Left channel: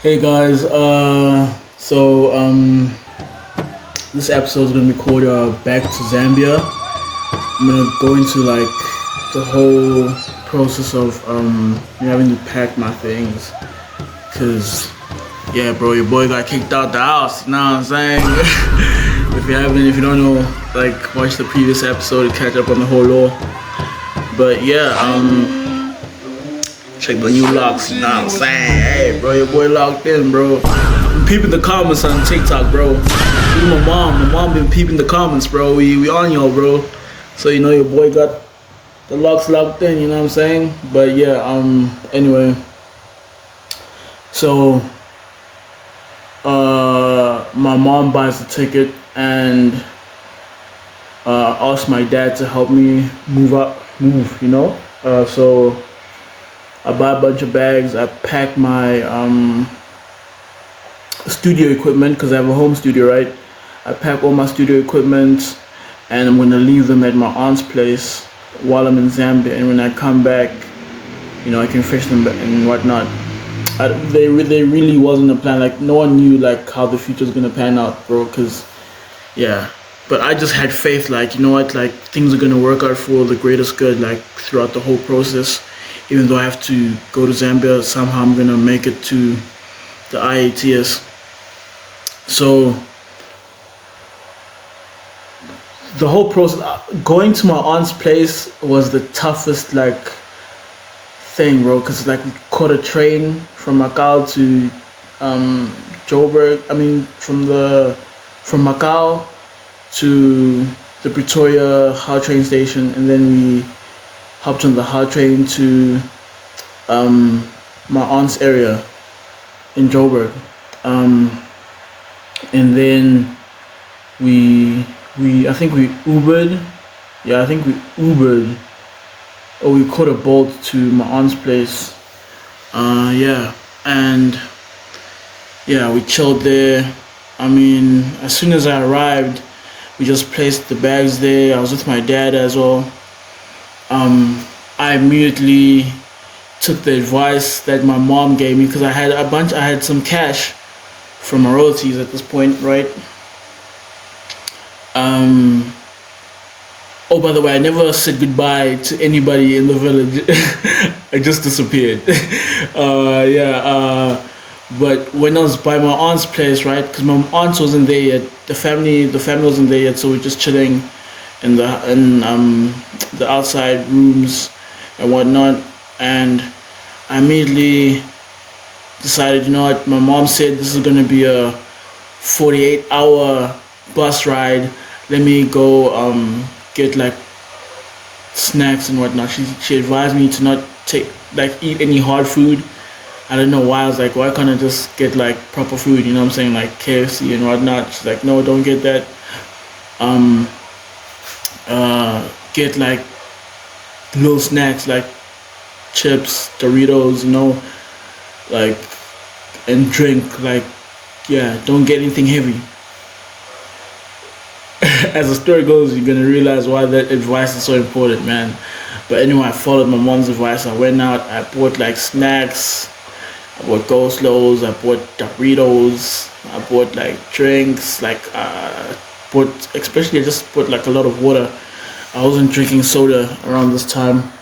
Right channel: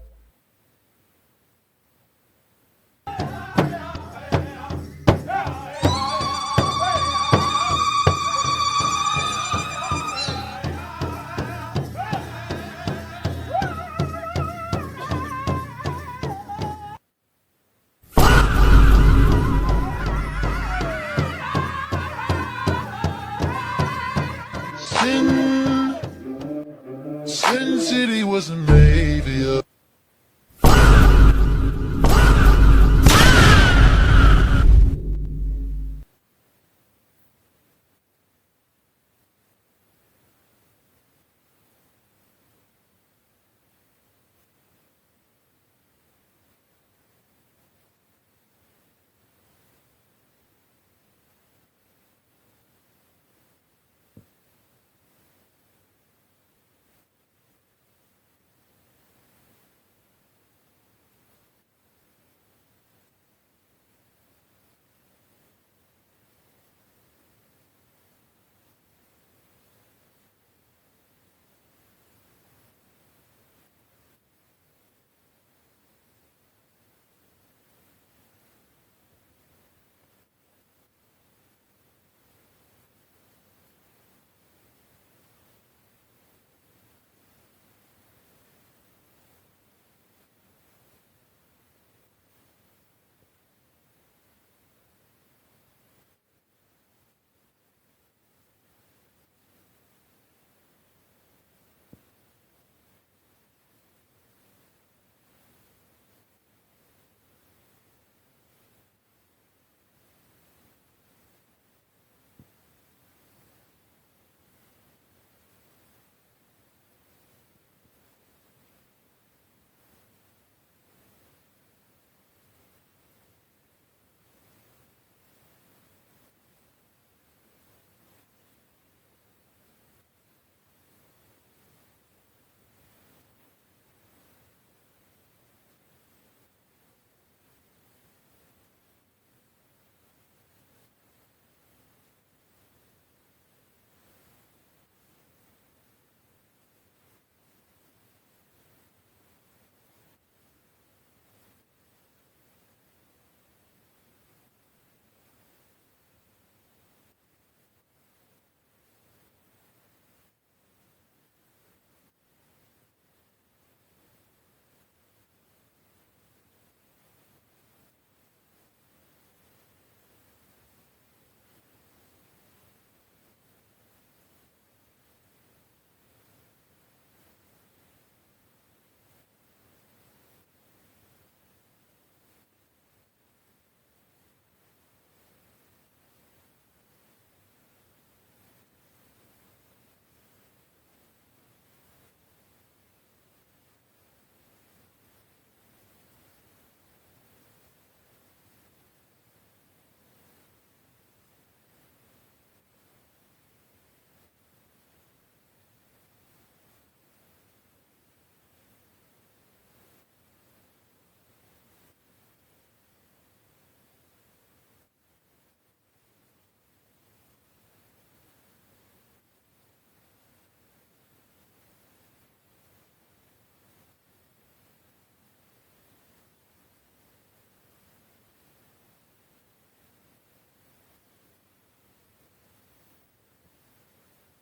Hey guys, this episode is gonna be called "Back to Zambia." I'm gonna go into like the whole process of me having to pack my things, cause yeah, bro, your boy got kicked out the house. You know what I'm saying? If you don't know, like watch the previous episode to catch up on the whole law. But yeah, check the new locks. You know what I'm saying? Hey, bro, your boy locked in, bro. Peeping the comments on TikTok, bro. My mom been peeping the comments, bro. We on y'all, bro. So you know your boy got the locks locked in. You know what I'm saying? But yeah, anyway. So, my mom buys the ticket and asked my dad to help me move. You know. So I buy a bunch of bags. I pack my studio equipment because I have a home studio, right? I pack all my studio equipment and I'm gonna leave them at my aunt's place while I'm in Zambia. And when I come back, you know, I can fish them and whatnot. They really wasn't a plan. Like no one knew like how the future was gonna pan out, bro. Cause yeah, but I just had faith. Like you know what, like things are gonna work out for the greatest good. Like throughout the whole process, even though I have to go to Zambia, somehow I'm gonna make it to the IATS. So the whole process, going to my aunt's place was the toughest like thing, bro. Cause like we caught a train from Macau to Joburg. I mean, from Macau to the Pretoria Hard train station, and then we hopped on the hard train to my aunt's area in Joburg. Um, and then we I think we Ubered. Yeah, I think we Ubered or we caught a boat to my aunt's place. Yeah, and yeah, we chilled there. I mean, as soon as I arrived, we just placed the bags there. I was with my dad as well. I immediately took the advice that my mom gave me because I had some cash from my royalties at this point, right? Um, oh, by the way, I never said goodbye to anybody in the village. I just disappeared. Yeah. But when I was by my aunt's place, right? Because my aunt wasn't there yet. The family wasn't there yet, so we're just chilling in the outside rooms and whatnot. And I immediately decided, you know what? My mom said this is gonna be a 48-hour bus ride. Let me go get like snacks and whatnot. She advised me to not eat any hard food. I don't know why. I was like, why can't I just get like proper food? You know what I'm saying, like KFC and whatnot. She's like, no, don't get that. Um, get like little snacks like chips, Doritos, you know, like and drink like yeah. Don't get anything heavy. As the story goes, you're gonna realize why that advice is so important, man. But anyway, I followed my mom's advice. I went out. I bought like snacks. I bought go slows. I bought Doritos. I bought like drinks. Bought especially I just bought like a lot of water. I wasn't drinking soda around this time.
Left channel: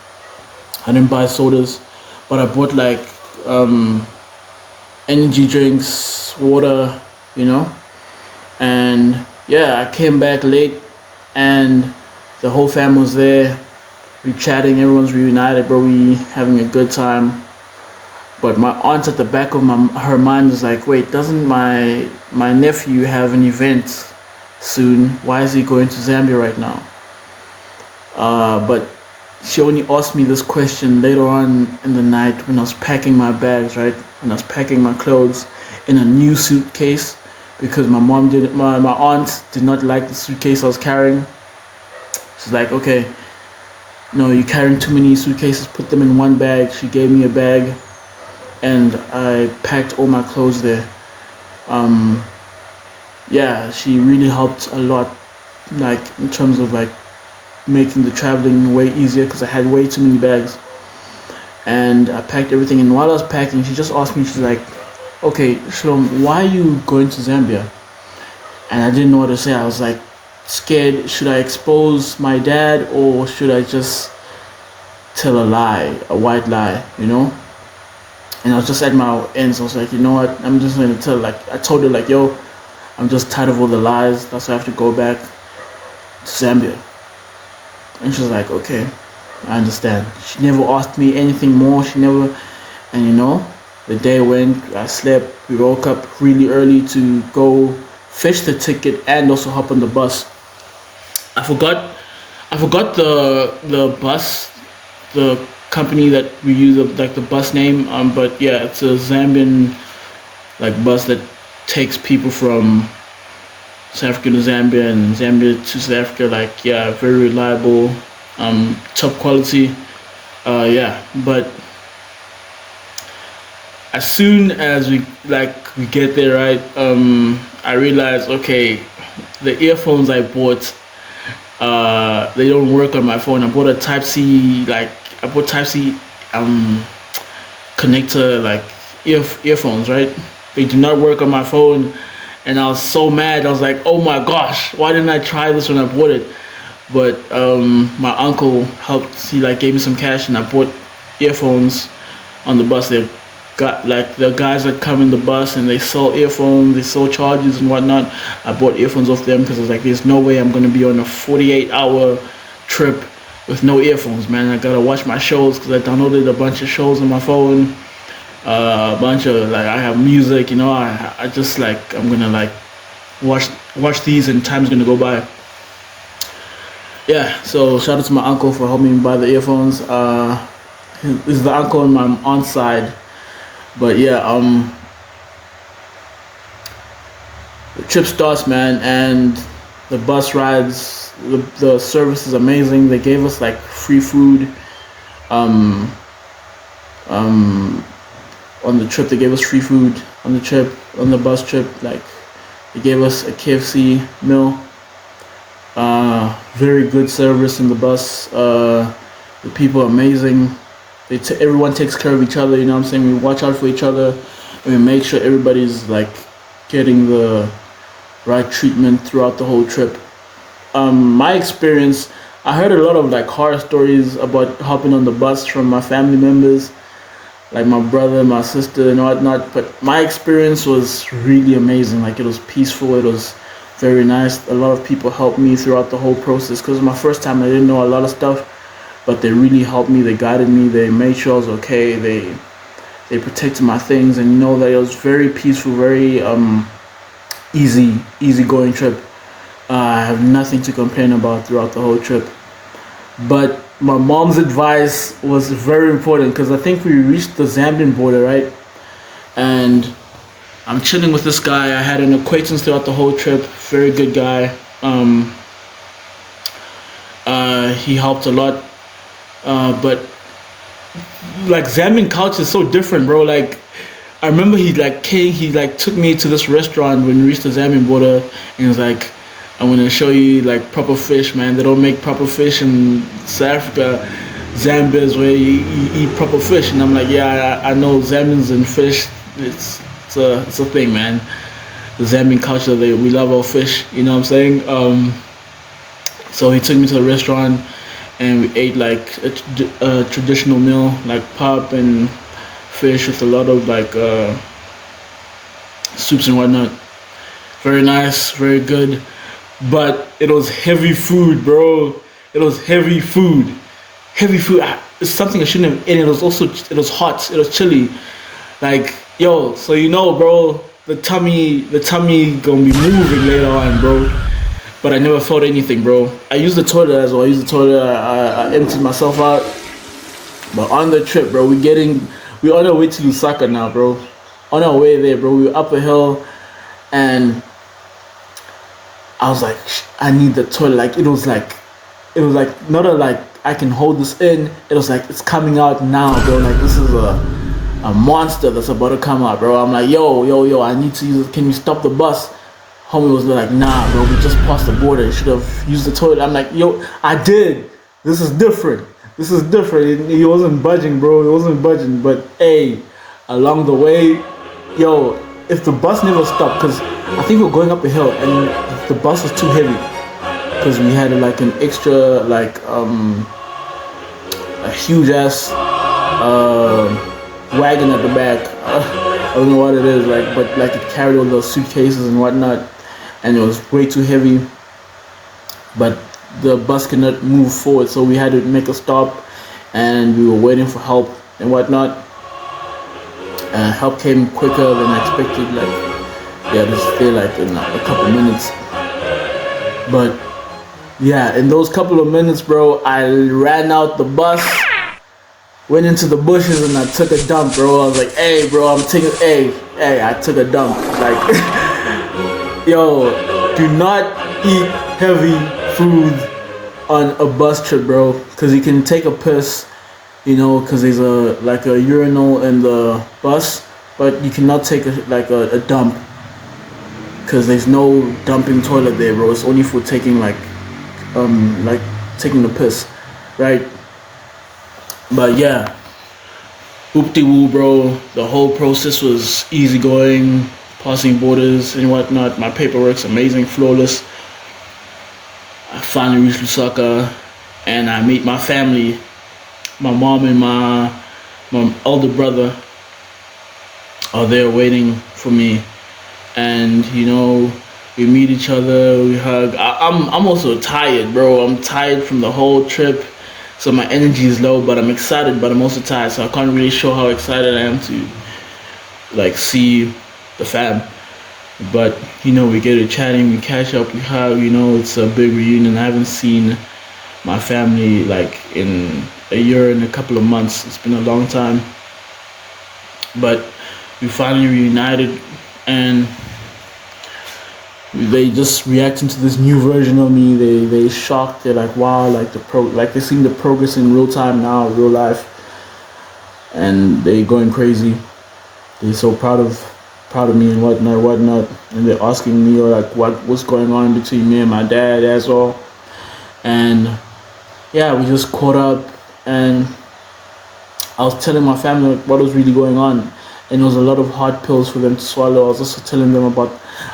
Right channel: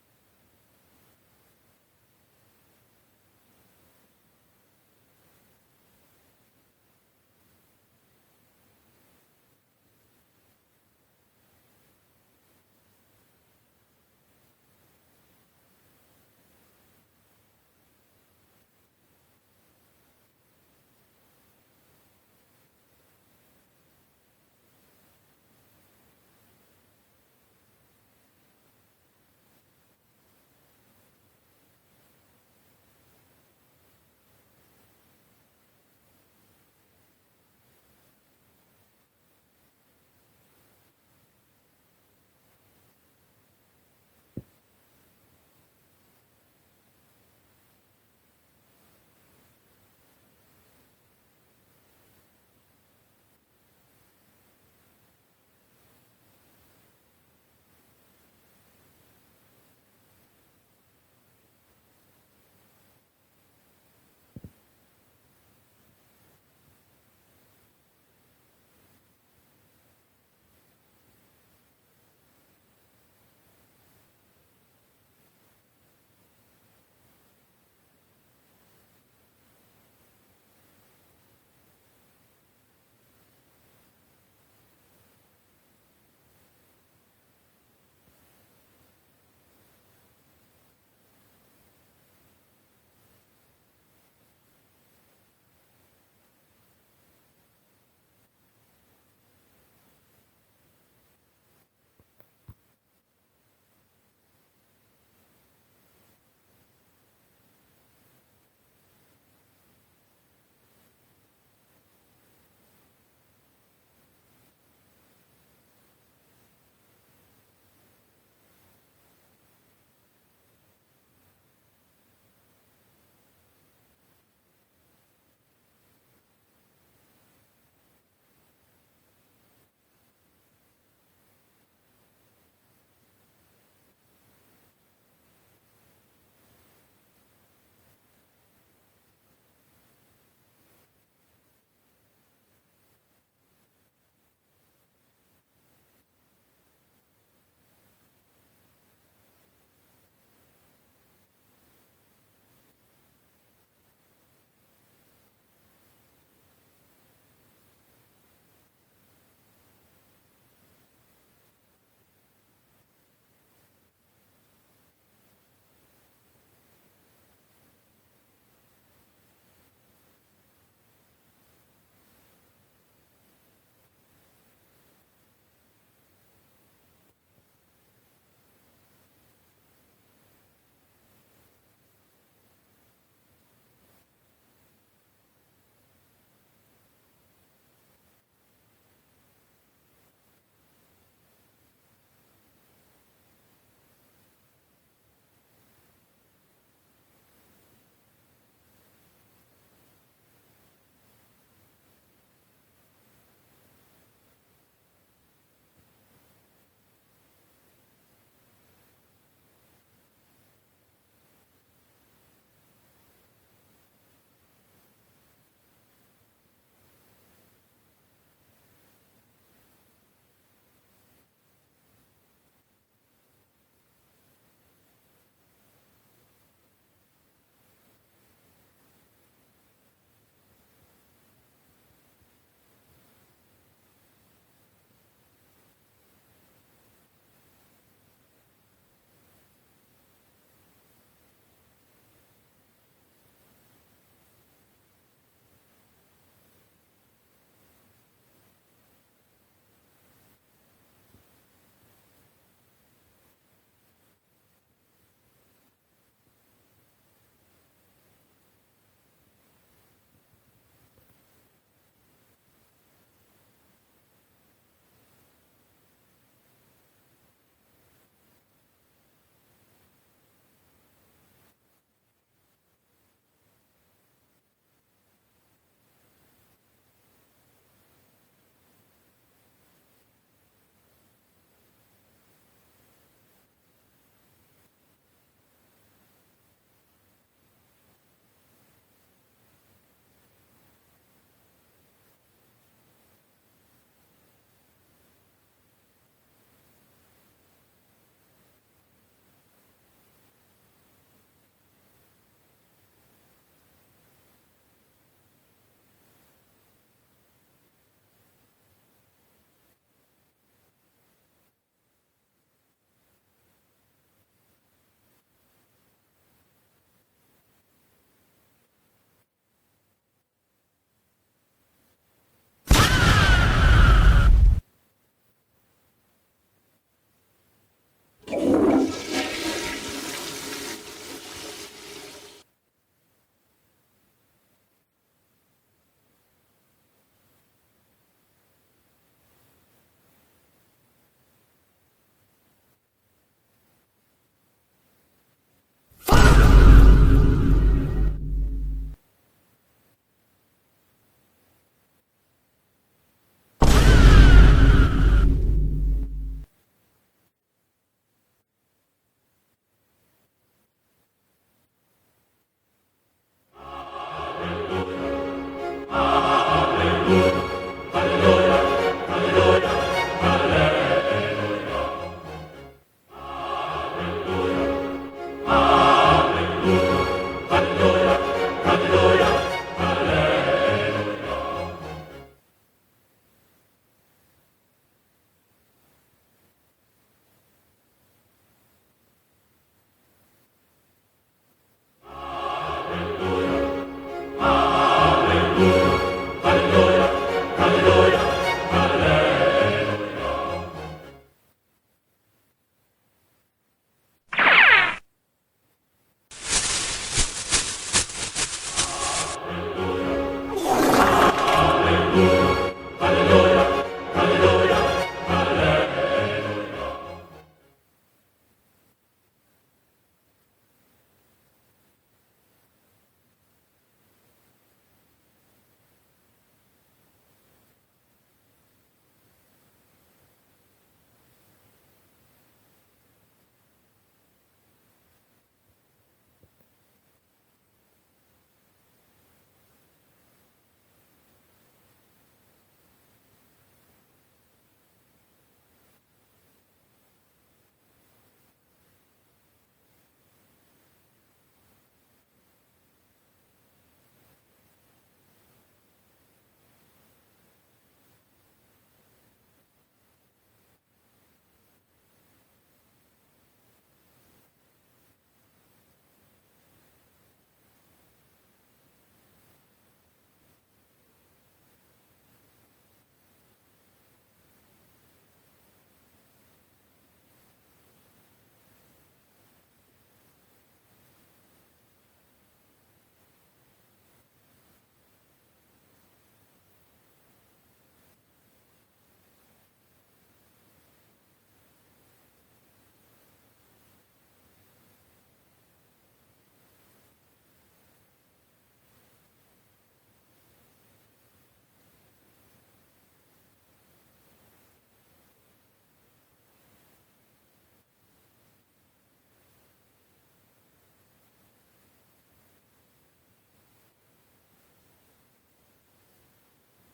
I didn't buy sodas, but I bought like um, energy drinks, water, you know, and yeah, I came back late and the whole fam was there. We chatting, everyone's reunited, bro. We having a good time. But my aunt at the back of her mind was like, wait, doesn't my nephew have an event soon? Why is he going to Zambia right now? But she only asked me this question later on in the night when I was packing my bags, right? When I was packing my clothes in a new suitcase because my aunt did not like the suitcase I was carrying. She's like, okay, no, you're carrying too many suitcases, put them in one bag. She gave me a bag and I packed all my clothes there. Um, yeah, she really helped a lot, like in terms of like making the traveling way easier because I had way too many bags. And I packed everything. And while I was packing, she just asked me, she's like, okay, Shalom, why are you going to Zambia? And I didn't know what to say. I was like scared. Should I expose my dad or should I just tell a lie, a white lie, you know? And I was just at my ends. I was like, you know what? I'm just gonna tell. Like, I told her, like, yo, I'm just tired of all the lies. That's why I have to go back to Zambia. And she was like, okay, I understand. She never asked me anything more. She never, and you know, the day went. I slept. We woke up really early to go fetch the ticket and also hop on the bus. I forgot. I forgot the bus, the company that we use, like the bus name. But yeah, it's a Zambian like bus that takes people from South Africa to Zambia and Zambia to South Africa. Like yeah, very reliable, top quality. Yeah, but as soon as we get there, right? I realized okay, the earphones I bought they don't work on my phone. I bought a Type C, like I bought Type C um connector, like earphones, right? They do not work on my phone, and I was so mad. I was like, oh my gosh, why didn't I try this when I bought it? But my uncle helped. He like gave me some cash, and I bought earphones on the bus. They got like the guys that come in the bus and they sell earphones, they sell chargers and whatnot. I bought earphones off them because I was like, there's no way I'm gonna be on a 48-hour trip with no earphones, man. I gotta watch my shows because I downloaded a bunch of shows on my phone. A bunch of like I have music, you know. I just like I'm gonna like watch these and time's gonna go by. Yeah, so shout out to my uncle for helping me buy the earphones. This is the uncle on my aunt's side. But yeah, the trip starts, man, and the bus rides, the service is amazing. They gave us like free food. Um, um, on the trip, they gave us free food on the trip, on the bus trip. Like they gave us a KFC meal. Very good service in the bus. The people are amazing. Everyone takes care of each other. You know what I'm saying? We watch out for each other, and we make sure everybody's like getting the right treatment throughout the whole trip. My experience, I heard a lot of like horror stories about hopping on the bus from my family members, like my brother, my sister, and whatnot. But my experience was really amazing. Like it was peaceful. It was very nice. A lot of people helped me throughout the whole process because it was my first time. I didn't know a lot of stuff, but they really helped me. They guided me. They made sure I was okay. They protected my things, and you know that it was very peaceful, very easy going trip. I have nothing to complain about throughout the whole trip. But my mom's advice was very important because I think we reached the Zambian border, right? And I'm chilling with this guy. I had an acquaintance throughout the whole trip. Very good guy. He helped a lot. But like Zambian culture is so different, bro. Like I remember he like took me to this restaurant when we reached the Zambian border, and he was like, "I'm gonna show you like proper fish, man. They don't make proper fish in South Africa. Zambia is where you eat proper fish." And I'm like, "Yeah, I know Zambians and fish. It's a thing, man. The Zambian culture, we love our fish. You know what I'm saying?" So he took me to the restaurant, and we ate like a traditional meal, like pap and fish with a lot of like soups and whatnot. Very nice, very good, but it was heavy food, bro. It was heavy food, heavy food. It's something I shouldn't have eaten. It was hot. It was chilly. Like yo, so you know, bro, the tummy gonna be moving later on, bro. But I never felt anything, bro. I used the toilet as well. I used the toilet. I emptied myself out. But on the trip, bro, we on our way to Lusaka now, bro. On our way there, bro, we were up a hill, and I was like, I need the toilet. Like it was like not a like I can hold this in. It was like it's coming out now, bro. Like this is a monster that's about to come out, bro. I'm like, yo, I need to use it. Can you stop the bus? Homie was like, nah, bro, we just crossed the border. Should have used the toilet. I'm like, yo, I did. This is different. This is different. He wasn't budging, bro. He wasn't budging. But hey, along the way, yo, if the bus never stopped, because I think we're going up a hill, and the bus was too heavy, because we had like an extra, like a huge ass wagon at the back. I don't know what it is, like, but like it carried all those suitcases and whatnot, and it was way too heavy. But the bus could not move forward, so we had to make a stop, and we were waiting for help and whatnot. Help came quicker than I expected. Like, yeah, just stay like in a couple minutes. But yeah, in those couple of minutes, bro, I ran out the bus, went into the bushes, and I took a dump, bro. I was like, hey, bro, I took a dump. Like, yo, do not eat heavy food on a bus trip, bro, because you can take a piss, you know, because there's a urinal in the bus, but you cannot take a dump, because there's no dumping toilet there, bro. It's only for taking like taking the piss, right? But yeah, whoop-de-woo, bro. The whole process was easy going, passing borders and whatnot. My paperwork's amazing, flawless. I finally reached Lusaka, and I meet my family. My mom and my older brother are there waiting for me, and you know, we meet each other, we hug. I'm also tired, bro. I'm tired from the whole trip, so my energy is low, but I'm excited, but I'm also tired, so I can't really show how excited I am to like see the fam. But you know, we get to chatting, we catch up, we hug. You know, it's a big reunion. I haven't seen my family like in a year and a couple of months. It's been a long time, but we finally reunited, and they just reacting to this new version of me. They shocked. They're like, wow, like they're seeing the progress in real time now, real life, and they going crazy. They're so proud of me and whatnot, and they're asking me like what's going on between me and my dad as well. And yeah, we just caught up, and I was telling my family what was really going on, and it was a lot of hard pills for them to swallow. I was also telling them about,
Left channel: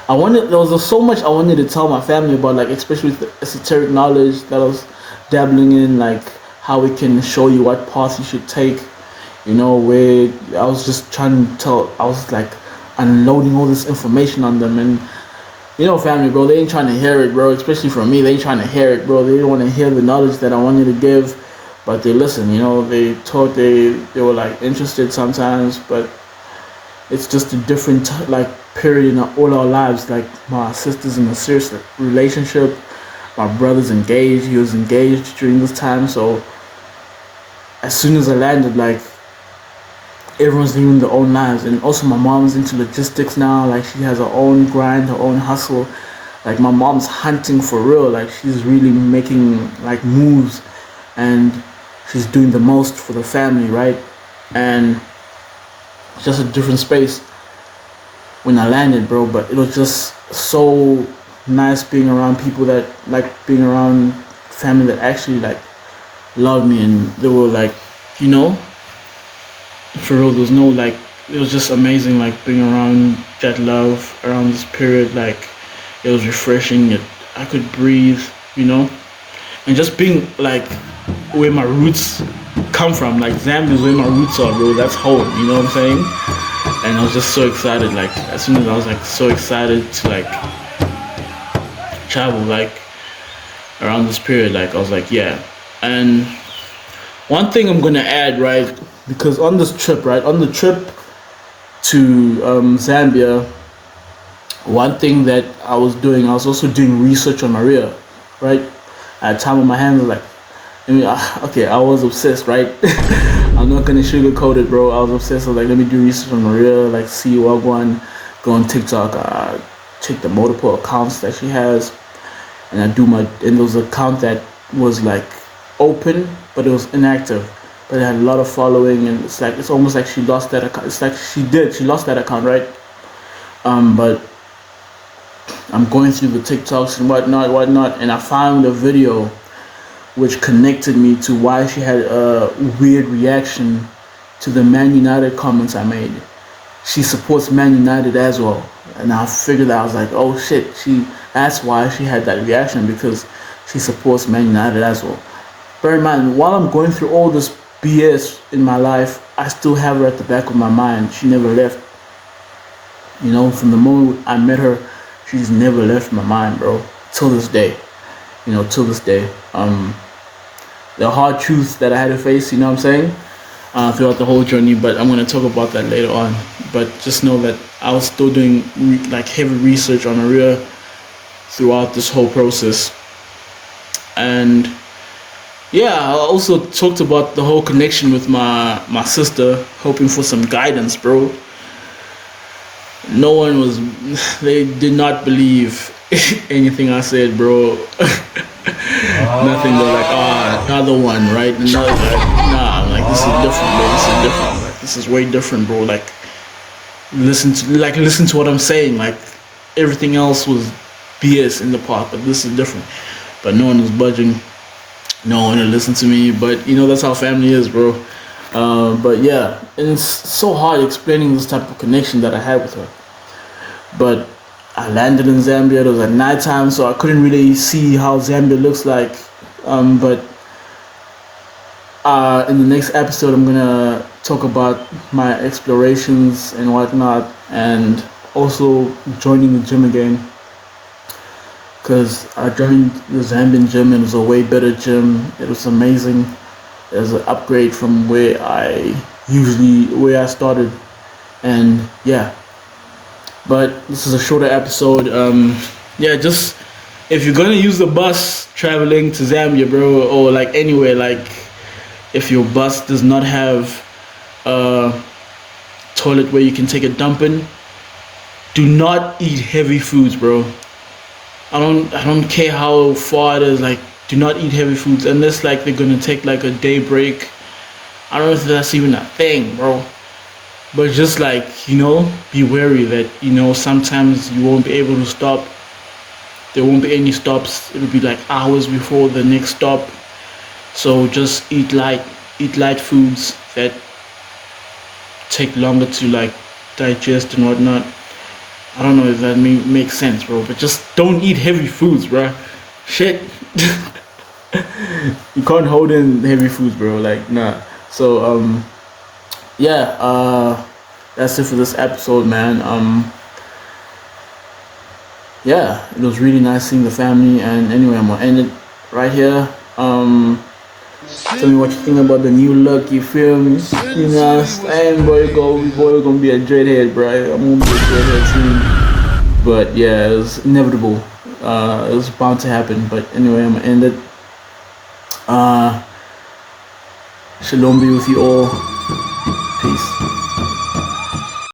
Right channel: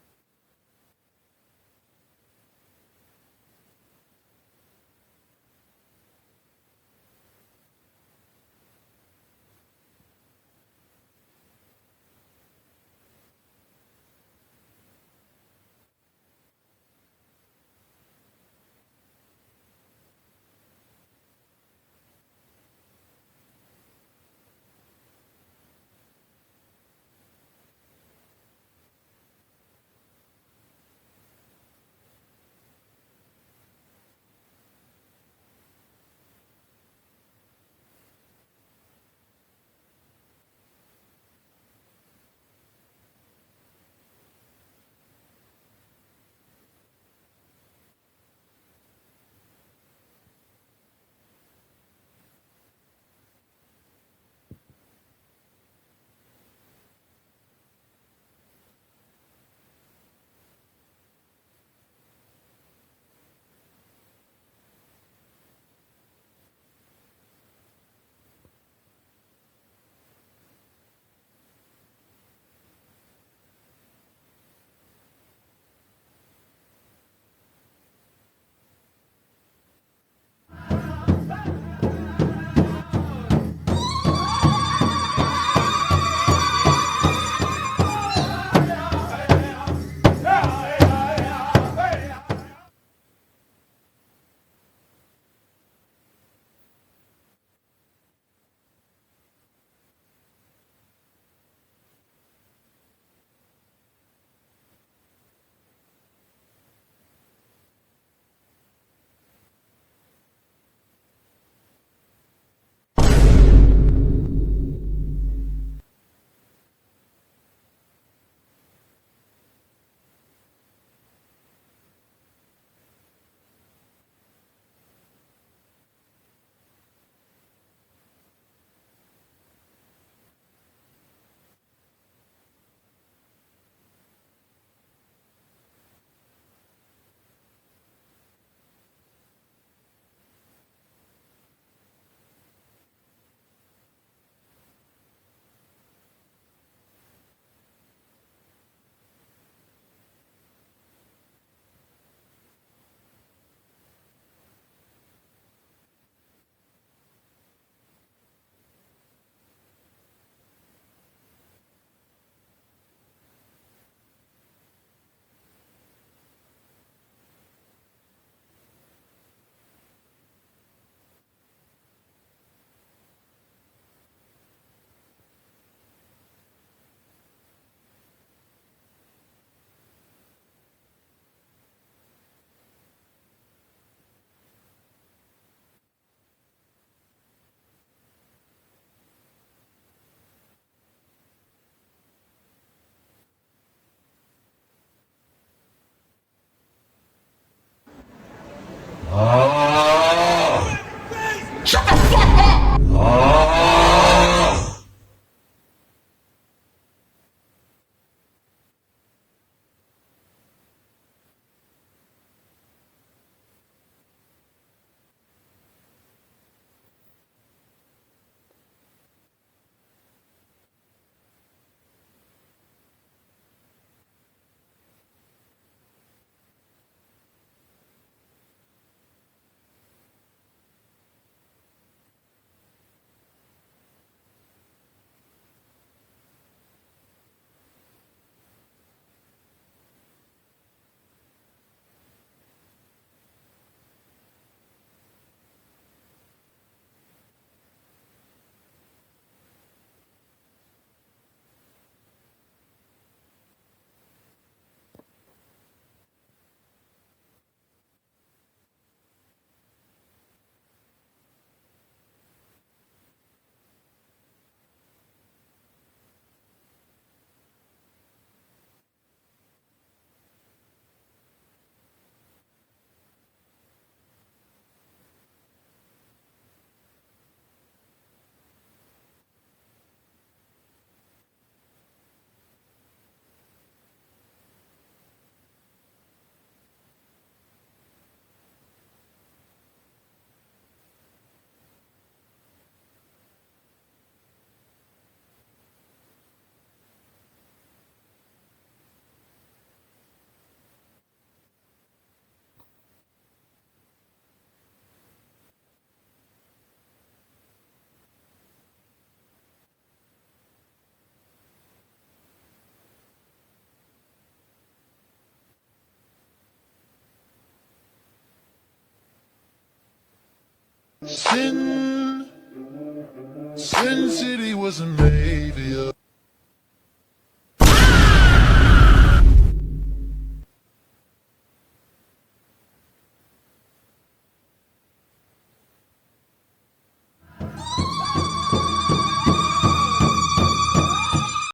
there was so much I wanted to tell my family about, like especially with the esoteric knowledge that I was dabbling in, like how we can show you what path you should take, you know, where I was just trying to I was like unloading all this information on them. And you know, family, bro, they ain't trying to hear it, bro, especially from me. They ain't trying to hear it, bro. They don't want to hear the knowledge that I wanted to give, but they listen, you know. They thought they were like interested sometimes, but it's just a different like period in all our lives. Like my sister's in a serious relationship, my brother's engaged, he was engaged during this time. So as soon as I landed, like everyone's living their own lives. And also my mom's into logistics now, like she has her own grind, her own hustle. Like my mom's hunting for real, like she's really making like moves, and she's doing the most for the family, right? And it's just a different space when I landed, bro. But it was just so nice being around people that like being around family that actually like loved me, and they were like, you know, for real, there's no like, it was just amazing, like being around that love around this period. Like it was refreshing. I could breathe, you know, and just being like where my roots come from. Like Zambia is where my roots are, bro. That's home, you know what I'm saying? And I was just so excited. Like as soon as I was like so excited to like travel like around this period, like I was like, yeah. And one thing I'm gonna add, right, because on this trip, right, on the trip to Zambia, one thing that I was doing, I was also doing research on Maria, right? I had time on my hands, like, I mean, okay, I was obsessed, right? I'm not gonna sugarcoat it, bro. I was obsessed. I was like, let me do research on Maria, like, see what one, go on TikTok, check the multiple accounts that she has, and and there was an account that was like open, but it was inactive, but it had a lot of following, and it's almost like she lost that account. It's like she lost that account, right? But I'm going through the TikToks and whatnot, and I found a video which connected me to why she had a weird reaction to the Man United comments I made. she supports Man United as well. And I figured out, I was like, oh shit, that's why she had that reaction, because she supports Man United as well. Bear in mind, while I'm going through all this BS in my life, I still have her at the back of my mind. She never left. You know, from the moment I met her, she's never left my mind, bro. Till this day. You know, till this day. The hard truths that I had to face, you know what I'm saying? Throughout the whole journey, but I'm gonna talk about that later on. But just know that I was still doing like heavy research on Aria throughout this whole process. And yeah, I also talked about the whole connection with my sister, hoping for some guidance, bro. No one was, they did not believe anything I said, bro. Nothing but like, another one, right? Nah, like this is different, bro. This is different. This is way different, bro. Like, listen to what I'm saying. Like, everything else was BS in the part, but this is different. But no one was budging. No one would listen to me. But you know, that's how family is, bro. But yeah, and it's so hard explaining this type of connection that I had with her. But I landed in Zambia. It was at nighttime, so I couldn't really see how Zambia looks like. But in the next episode, I'm gonna talk about my explorations and whatnot, and also joining the gym again. Because I joined the Zambian gym, and it was a way better gym. It was amazing. It was an upgrade from where I started, and yeah. But this is a shorter episode. Yeah, just if you're gonna use the bus traveling to Zambia, bro, or like anywhere, like if your bus does not have a toilet where you can take a dump in, do not eat heavy foods, bro. I don't care how far it is. Like, do not eat heavy foods unless like they're gonna take like a day break. I don't know if that's even a thing, bro. But just like, you know, be wary that, you know, sometimes you won't be able to stop. There won't be any stops. It'll be like hours before the next stop. So just eat light foods that take longer to like digest and whatnot. I don't know if that makes sense, bro. But just don't eat heavy foods, bro. Shit. You can't hold in heavy foods, bro. Like, nah. So, yeah, that's it for this episode, man. Yeah, it was really nice seeing the family, and anyway, I'm gonna end it right here. Tell me what you think about the new look, you feel me? You know, and boy, gonna be a dreadhead, bro. I'm gonna be a dreadhead soon. But yeah, it was inevitable. It was bound to happen. But anyway, I'm gonna end it. Shalom be with you all. Peace.